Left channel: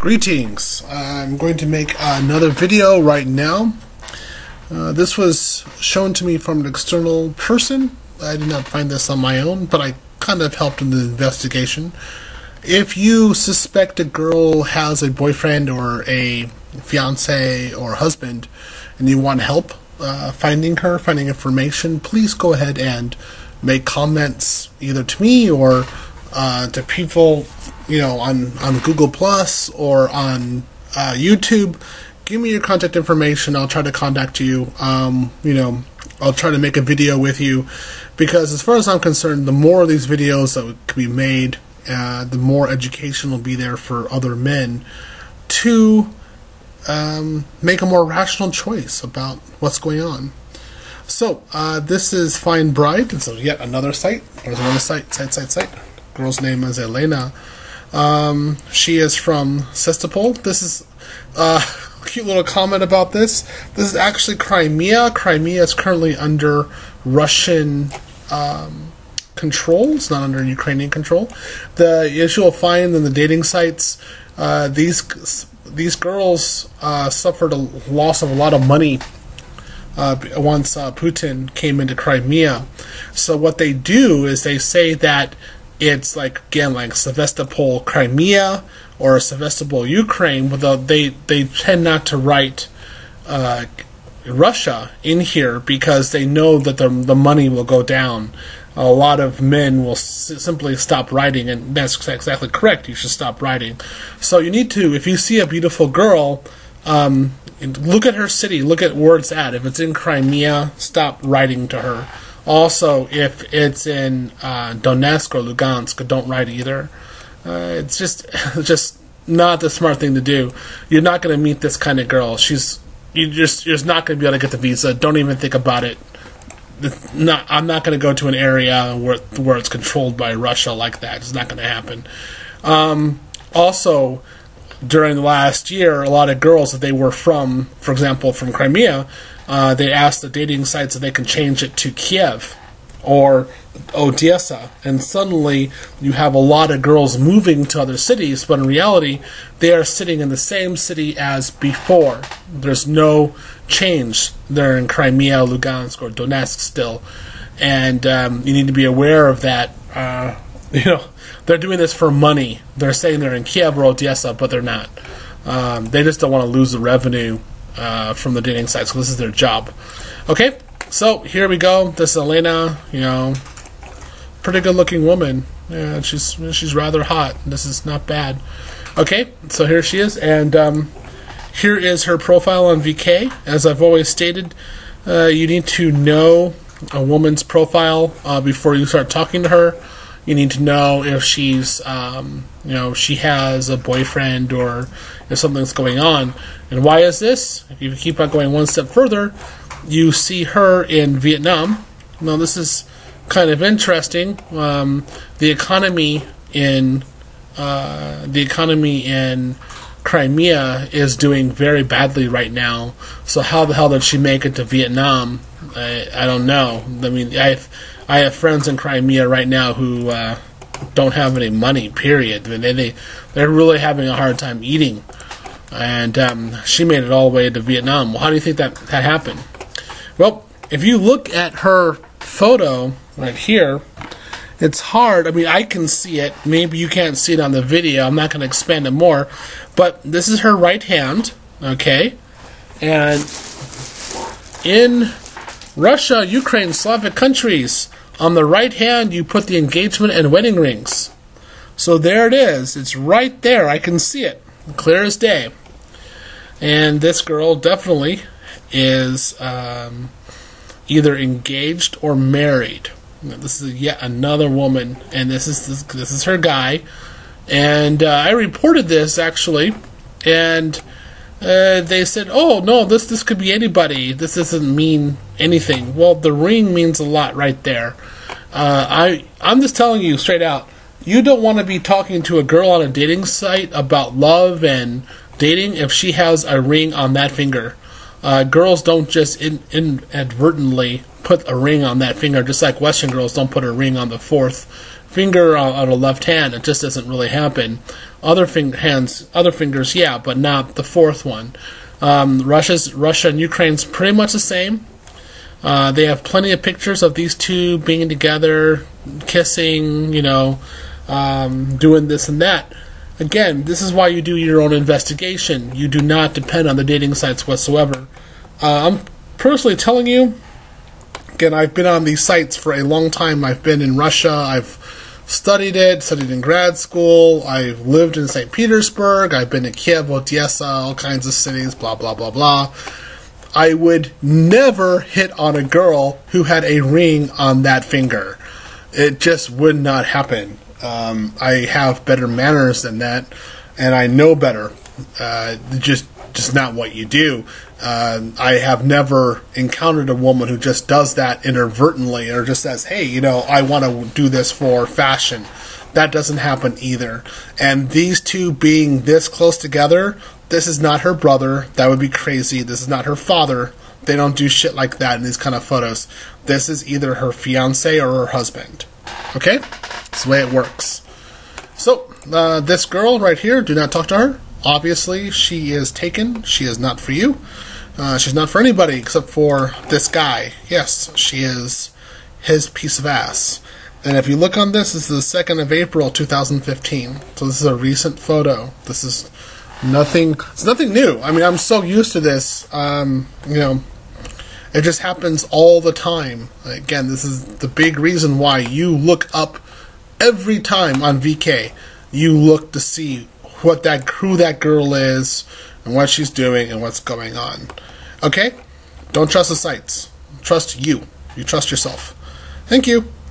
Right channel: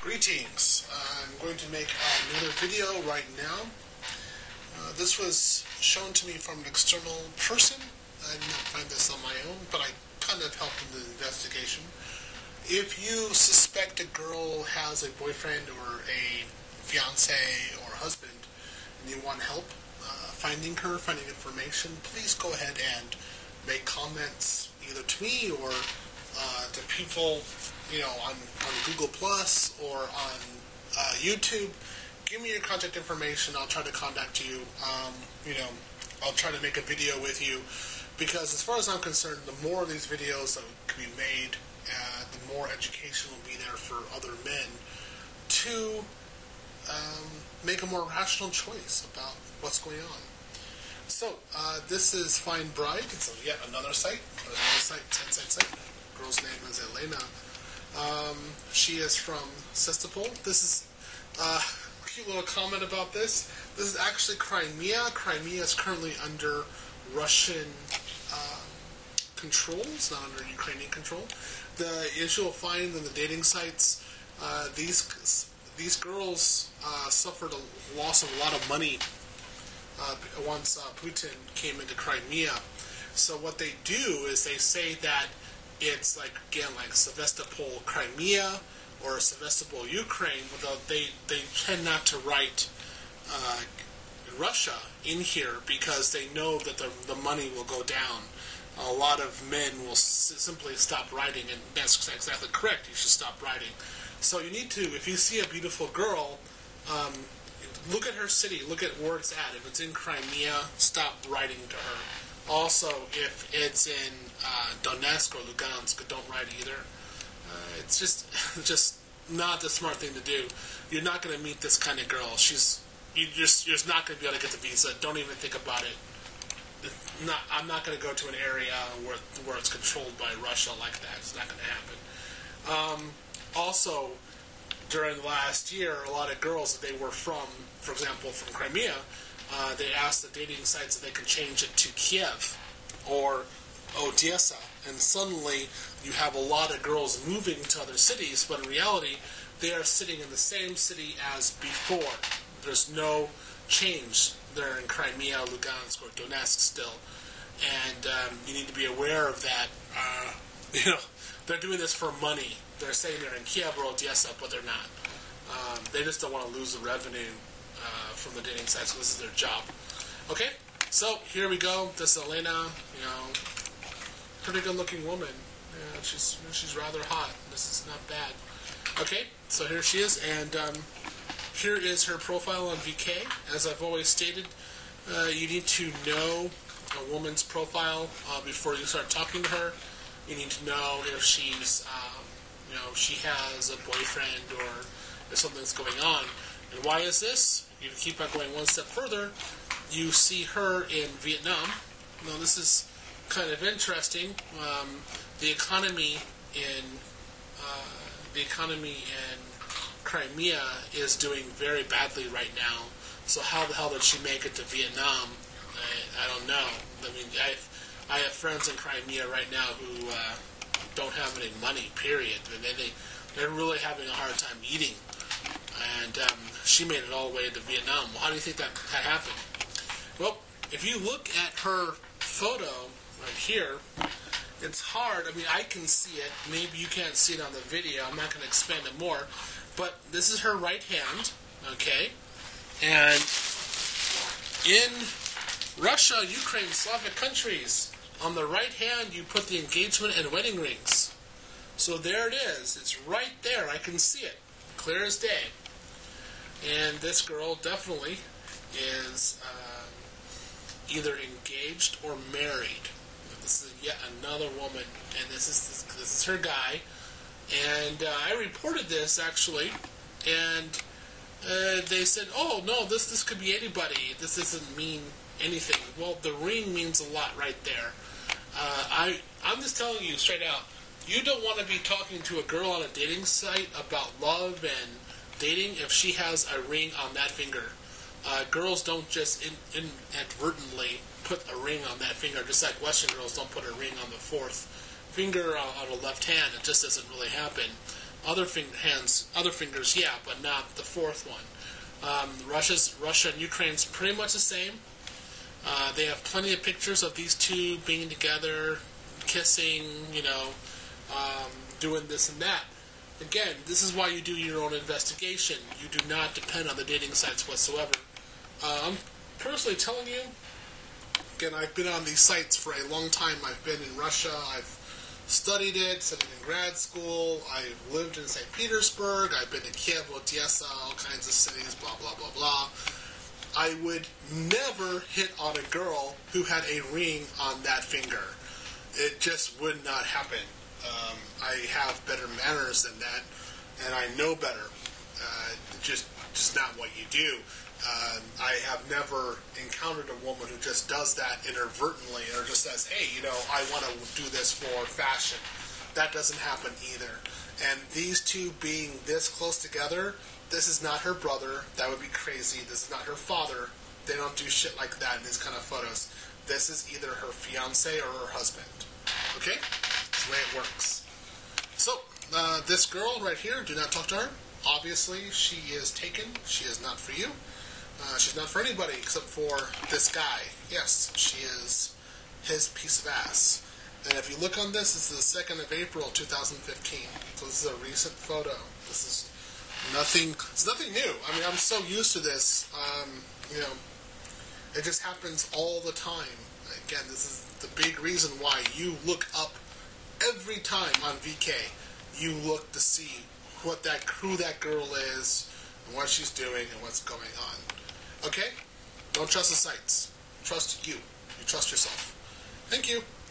Greetings. I'm going to make another video right now. This was shown to me from an external person. I did not find this on my own, but I kind of helped in the investigation. If you suspect a girl has a boyfriend or a fiance or husband and you want help finding her, finding information, please go ahead and make comments either to me or to people, on Google Plus or on YouTube. Give me your contact information. I'll try to contact you. I'll try to make a video with you, because as far as I'm concerned, the more of these videos that can be made, the more education will be there for other men to make a more rational choice about what's going on. So, this is Find Bride. It's yet another site. There's another site. Girl's name is Elena. She is from Sestapol. This is a cute little comment about this. This is actually Crimea. Crimea is currently under Russian control. It's not under Ukrainian control. The issue you'll find in the dating sites, these girls suffered a loss of a lot of money once Putin came into Crimea. So what they do is they say that it's like Sevastopol, Crimea, or Sevastopol, Ukraine, but they tend not to write Russia in here because they know that the money will go down. A lot of men will simply stop writing, and that's exactly correct. You should stop writing. So you need to, if you see a beautiful girl, look at her city, look at where it's at. If it's in Crimea, stop writing to her. Also, if it's in Donetsk or Lugansk, don't write either. It's just not the smart thing to do. You're not going to meet this kind of girl. You're just not going to be able to get the visa. Don't even think about it. I'm not going to go to an area where it's controlled by Russia like that. It's not going to happen. Also, during the last year, a lot of girls that they were from, for example, from Crimea, they asked the dating sites if they can change it to Kiev or Odessa, and suddenly you have a lot of girls moving to other cities, but in reality, they are sitting in the same city as before. There's no change. They're in Crimea, Lugansk, or Donetsk still, and you need to be aware of that. They're doing this for money. They're saying they're in Kiev or Odessa, but they're not. They just don't want to lose the revenue from the dating sites, so this is their job. Okay, so here we go. This is Elena, pretty good looking woman. Yeah, she's rather hot. This is not bad. Okay, so here she is, and here is her profile on VK. As I've always stated, you need to know a woman's profile before you start talking to her. You need to know if she's, she has a boyfriend or if something's going on. And why is this? If you keep on going one step further, you see her in Vietnam. Now, this is kind of interesting. The economy in Crimea is doing very badly right now. So how the hell did she make it to Vietnam? I don't know. I mean, I have friends in Crimea right now who don't have any money, period. I mean, they're really having a hard time eating. And she made it all the way to Vietnam. Well, how do you think that happened? Well, if you look at her photo right here, it's hard. I mean, I can see it. Maybe you can't see it on the video. I'm not going to expand it more. But this is her right hand, okay? And in Russia, Ukraine, Slavic countries, on the right hand, you put the engagement and wedding rings. So there it is. It's right there. I can see it. Clear as day. And this girl definitely is either engaged or married. This is yet another woman, and this is her guy. And I reported this, actually, and they said, oh, no, this could be anybody. This doesn't mean anything. Well, the ring means a lot right there. I'm just telling you straight out, you don't want to be talking to a girl on a dating site about love and dating if she has a ring on that finger. Girls don't just inadvertently put a ring on that finger, just like Western girls don't put a ring on the fourth finger on the left hand. It just doesn't really happen. Other fingers, yeah, but not the fourth one. Russia and Ukraine's pretty much the same. They have plenty of pictures of these two being together, kissing, doing this and that. Again, this is why you do your own investigation. You do not depend on the dating sites whatsoever. I'm personally telling you, again, I've been on these sites for a long time. I've been in Russia. I've studied in grad school. I've lived in St. Petersburg. I've been in Kiev, Odessa, all kinds of cities, blah, blah, blah, blah. I would never hit on a girl who had a ring on that finger. It just would not happen. I have better manners than that, and I know better. Just not what you do. I have never encountered a woman who just does that inadvertently or just says, hey, I want to do this for fashion. That doesn't happen either. And these two being this close together, this is not her brother. That would be crazy. This is not her father. They don't do shit like that in these kind of photos. This is either her fiancé or her husband. Okay? That's the way it works. So, this girl right here, do not talk to her. Obviously, she is taken. She is not for you. She's not for anybody except for this guy. Yes, she is his piece of ass. And if you look on this is the 2nd of April, 2015. So this is a recent photo. This is nothing. It's nothing new. I mean, I'm so used to this. It just happens all the time. Again, this is the big reason why you look up every time on VK. You look to see who that girl is and what she's doing and what's going on. Okay? Don't trust the sites. Trust you. You trust yourself. Thank you.